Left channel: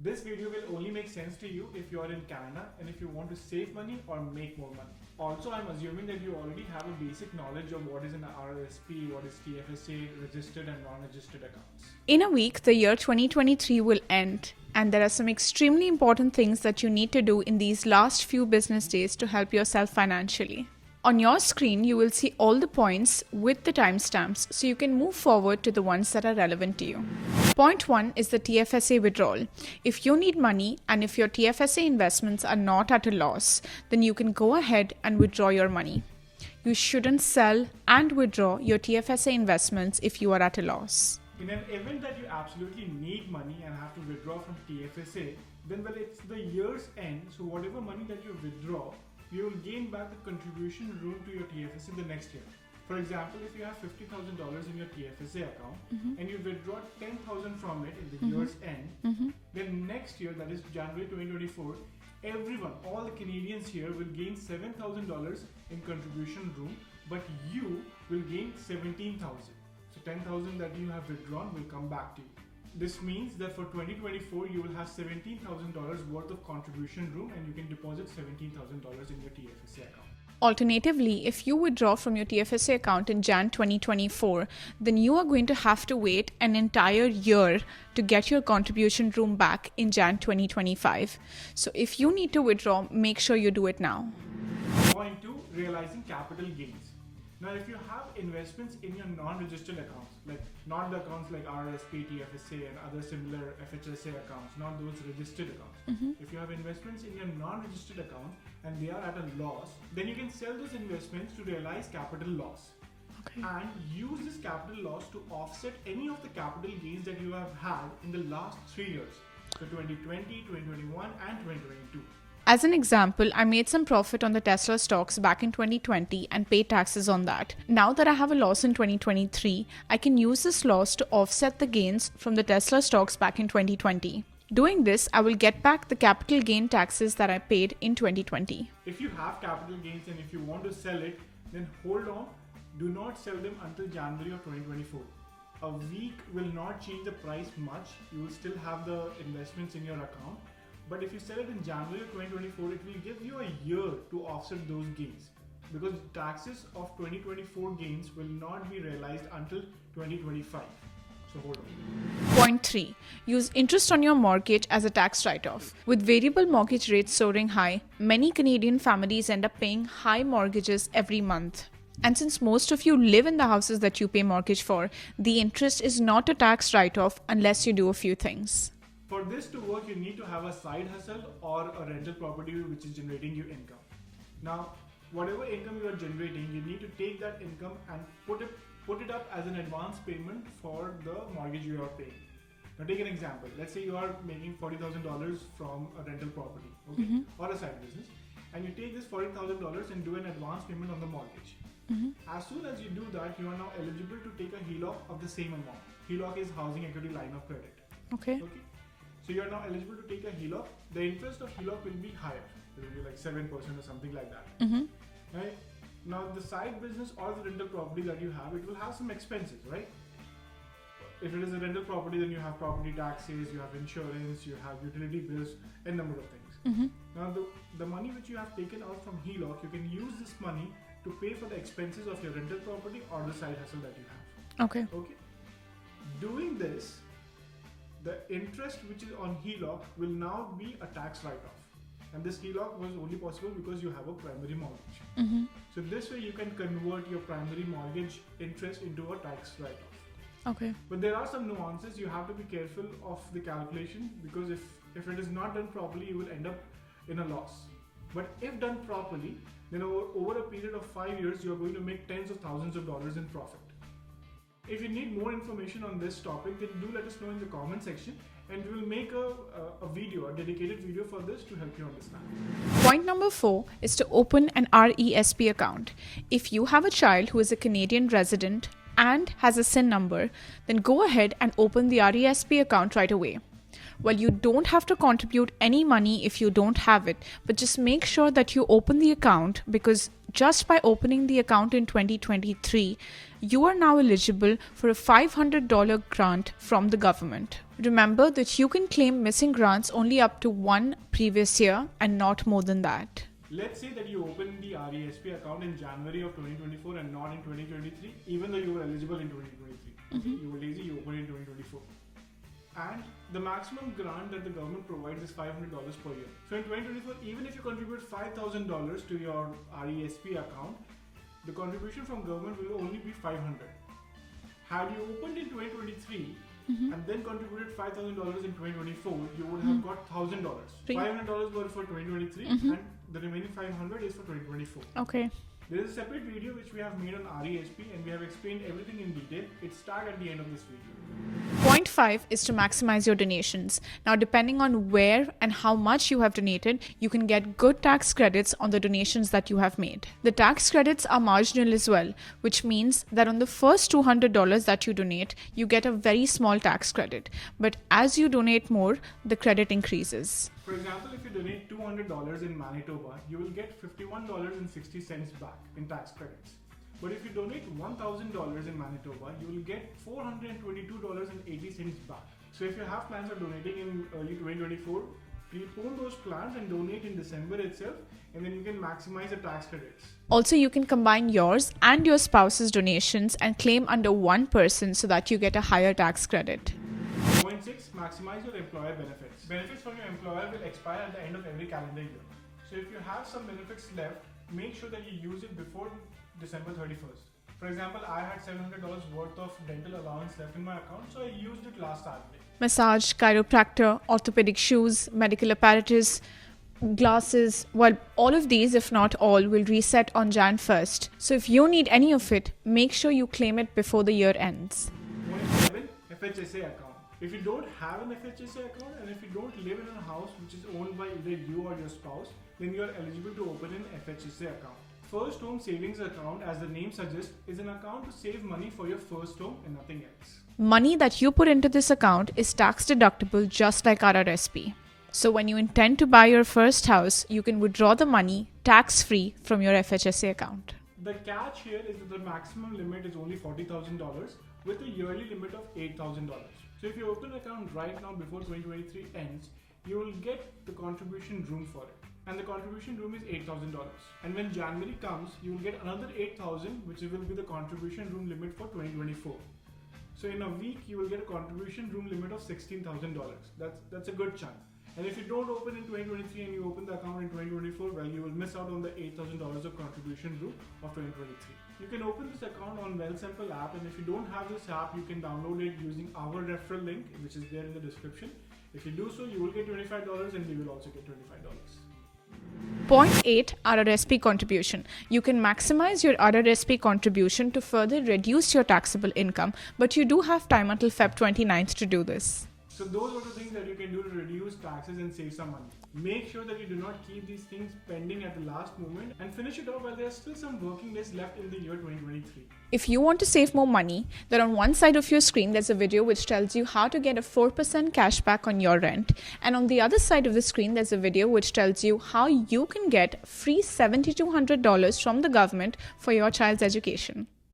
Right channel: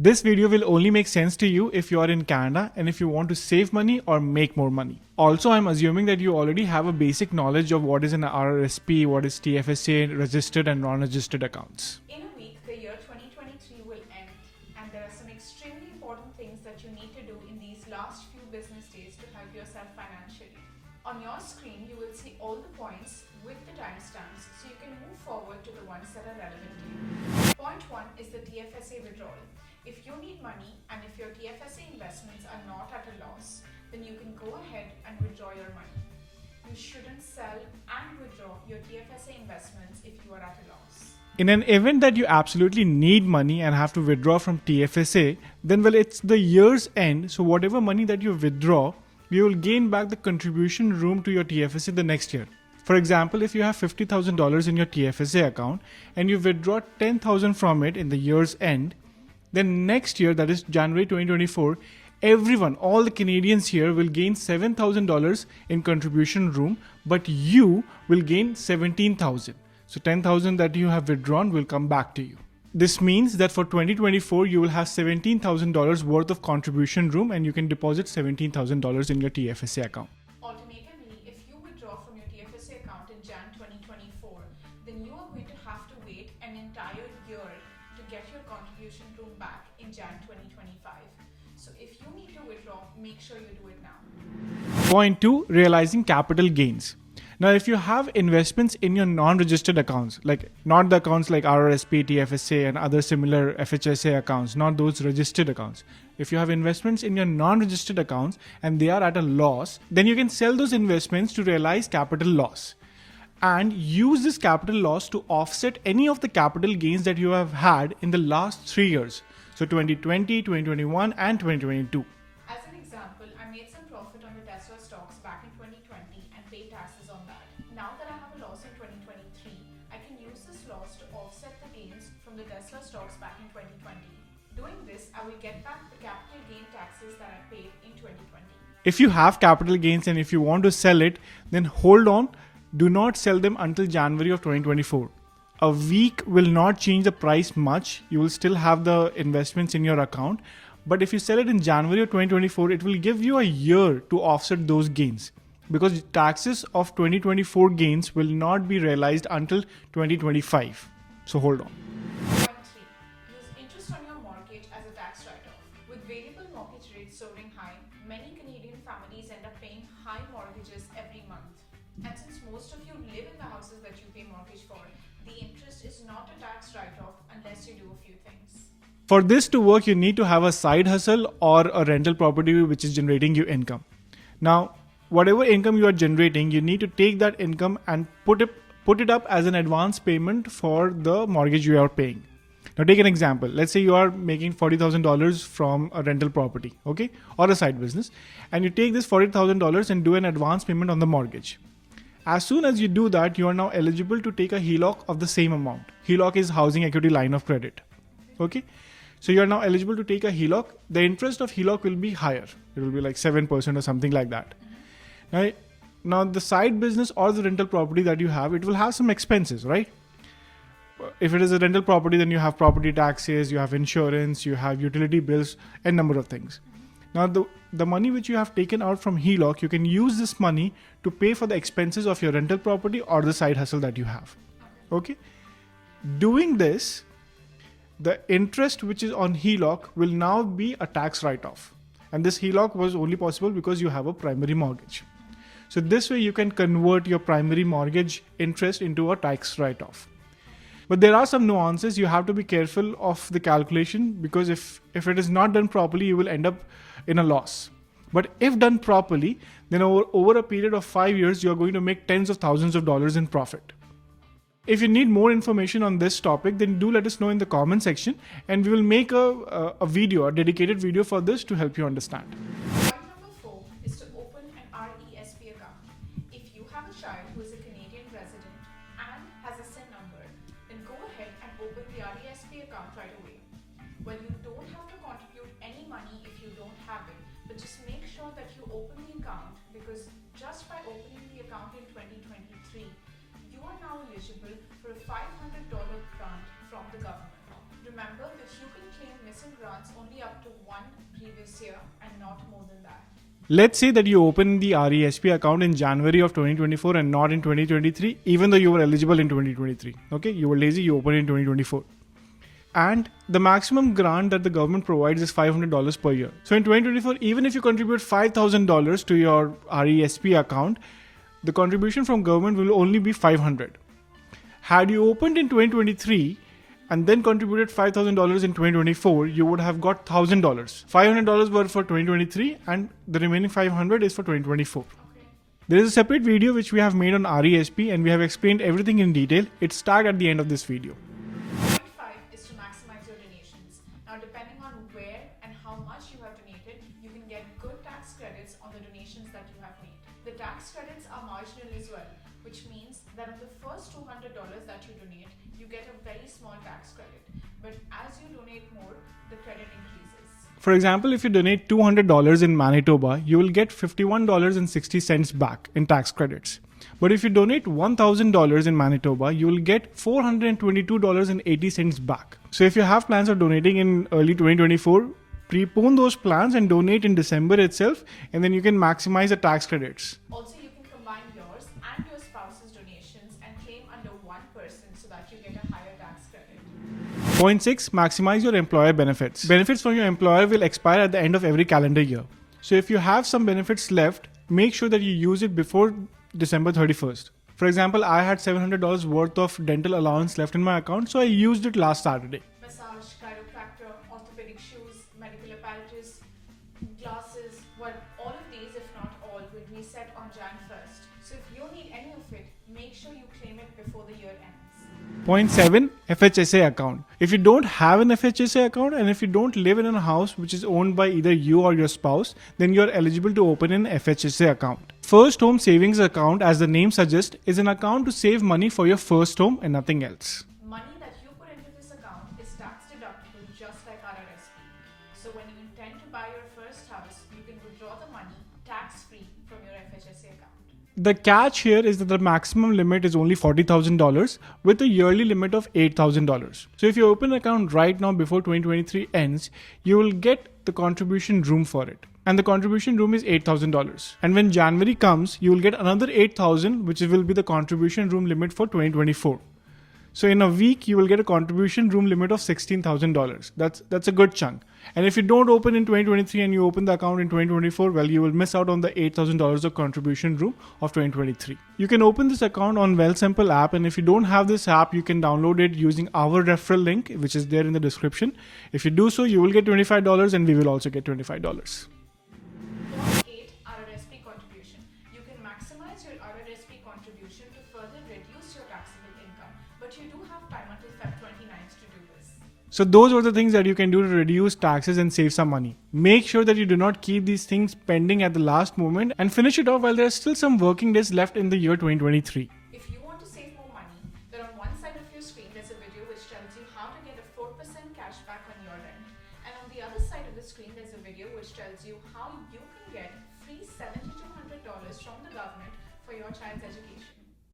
This video will only make sense to you if you are in Canada and if you want to save money or make more money. Also, I'm assuming that you already have a basic knowledge of what is an RRSP, what is TFSA, registered and non-registered accounts. In a week, the year 2023 will end, and there are some extremely important things that you need to do in these last few business days to help yourself financially. On your screen, you will see all the points with the timestamps so you can move forward to the ones that are relevant to you. Point 1 is the TFSA withdrawal. If you need money and if your TFSA investments are not at a loss, then you can go ahead and withdraw your money. You shouldn't sell and withdraw your TFSA investments if you are at a loss. In an event that you absolutely need money and have to withdraw from TFSA, then it's the year's end, so whatever money that you withdraw, you will gain back the contribution room to your TFSA the next year. For example, if you have $50,000 in your TFSA account and you withdraw $10,000 from it in the year's end, then next year, that is January 2024, everyone, all the Canadians here will gain $7,000 in contribution room, but you will gain $17,000. So $10,000 that you have withdrawn will come back to you. This means that for 2024, you will have $17,000 worth of contribution room and you can deposit $17,000 in your TFSA account. Alternatively, if you withdraw from your TFSA account in Jan 2024, then you are going to have to wait an entire year to get your contribution room back in Jan 2025. So if you need to withdraw, make sure you do it now. Point 2, realizing capital gains. Now, if you have investments in your non-registered accounts, like not the accounts like RRSP, TFSA and other similar FHSA accounts, not those registered accounts. If you have investments in your non-registered accounts and they are at a loss, then you can sell those investments to realize capital loss and use this capital loss to offset any of the capital gains that you have had in the last 3 years. So 2020, 2021 and 2022. As an example, I made some profit on the Tesla stocks back in 2020 and paid taxes on that. Now that I have a loss in 2023, I can use this loss to offset the gains from the Tesla stocks back in 2020. Doing this, I will get back the capital gain taxes that I paid in 2020. If you have capital gains and if you want to sell it, then hold on. Do not sell them until January of 2024. A week will not change the price much. You will still have the investments in your account. But if you sell it in January of 2024, it will give you a year to offset those gains because taxes of 2024 gains will not be realized until 2025. So hold on. Point 3. Use interest on your mortgage as a tax write-off. With variable mortgage rates soaring high, many Canadian families end up paying high mortgages every month. And since most of you live in the houses that you pay mortgage for, the interest is not a tax write-off unless you do a few things. For this to work, you need to have a side hustle or a rental property which is generating you income. Now, whatever income you are generating, you need to take that income and put it up as an advance payment for the mortgage you are paying. Now, take an example. Let's say you are making $40,000 from a rental property, okay, or a side business, and you take this $40,000 and do an advance payment on the mortgage. As soon as you do that, you are now eligible to take a HELOC of the same amount. HELOC is Housing Equity Line of Credit. Okay. So you are now eligible to take a HELOC. The interest of HELOC will be higher. It will be like 7% or something like that. Now the side business or the rental property that you have, it will have some expenses, right? If it is a rental property, then you have property taxes, you have insurance, you have utility bills, and number of things. Now the money which you have taken out from HELOC, you can use this money to pay for the expenses of your rental property or the side hustle that you have. Okay. Doing this, the interest which is on HELOC will now be a tax write-off. And this HELOC was only possible because you have a primary mortgage. So this way you can convert your primary mortgage interest into a tax write-off. But there are some nuances. You have to be careful of the calculation because if it is not done properly, you will end up in a loss. But if done properly, then over a period of 5 years, you are going to make tens of thousands of dollars in profit. If you need more information on this topic, then do let us know in the comment section and we will make a dedicated video for this to help you understand. Point number 4 is to open an RESP account. If you have a child who is a Canadian resident and has a SIN number, then go ahead and open the RESP account right away. Well, you don't have to contribute any money if you don't have it, but just make sure that you open the account because just by opening the account in 2023, you are now eligible for a $500 grant from the government. Remember that you can claim missing grants only up to one previous year and not more than that. Let's say that you open the RESP account in January of 2024 and not in 2023, even though you were eligible in 2023. Okay, you were lazy, you opened in 2024. And the maximum grant that the government provides is $500 per year. So in 2024, even if you contribute $5,000 to your RESP account, the contribution from government will only be $500. Had you opened in 2023 and then contributed $5,000 in 2024, you would have got $1,000. $500 were for 2023 and the remaining $500 is for 2024. Okay. There is a separate video which we have made on RESP and we have explained everything in detail. It's tagged at the end of this video. Point 5 is to maximize your donations. Now, depending on where and how much you have donated, you can get good tax credits on the donations that you have made. The tax credits are marginal as well, which means that on the first $200 that you donate, you get a very small tax credit. But as you donate more, the credit increases. For example, if you donate $200 in Manitoba, you will get $51.60 back in tax credits. But if you donate $1,000 in Manitoba, you will get $422.80 back. So if you have plans of donating in early 2024, prepone those plans and donate in December itself, and then you can maximize the tax credits. Also, you can combine yours and your spouse's donations and claim under one person so that you get a higher tax credit. Point 6, maximize your employer benefits. Benefits from your employer will expire at the end of every calendar year. So if you have some benefits left, make sure that you use it before December 31st. For example, I had $700 worth of dental allowance left in my account, so I used it last Saturday. Massage, chiropractor, orthopedic shoes, medical apparatus, glasses, well, all of these, if not all, will reset on Jan 1st. So if you need any of it, make sure you claim it before the year ends. Point 7, FHSA account. If you don't have an FHSA account and if you don't live in a house which is owned by either you or your spouse, then you are eligible to open an FHSA account. First Home Savings Account, as the name suggests, is an account to save money for your first home and nothing else. Money that you put into this account is tax deductible just like RRSP. So when you intend to buy your first house, you can withdraw the money tax-free from your FHSA account. The catch here is that the maximum limit is only $40,000 with a yearly limit of $8,000. So if you open an account right now before 2023 ends, you will get the contribution room for it. And the contribution room is $8,000. And when January comes, you will get another $8,000, which will be the contribution room limit for 2024. So in a week, you will get a contribution room limit of $16,000. That's a good chunk. And if you don't open in 2023 and you open the account in 2024, well, you will miss out on the $8,000 of contribution room of 2023. You can open this account on Wealthsimple app, and if you don't have this app, you can download it using our referral link, which is there in the description. If you do so, you will get $25 and we will also get $25. Point 8, RRSP contribution. You can maximize your RRSP contribution to further reduce your taxable income, but you do have time until Feb 29th to do this. So those are the things that you can do to reduce taxes and save some money. Make sure that you do not keep these things pending at the last moment and finish it off while there are still some working days left in the year 2023. If you want to save more money, then on one side of your screen there's a video which tells you how to get a 4% cashback on your rent, and on the other side of the screen there's a video which tells you how you can get free $7,200 from the government for your child's education.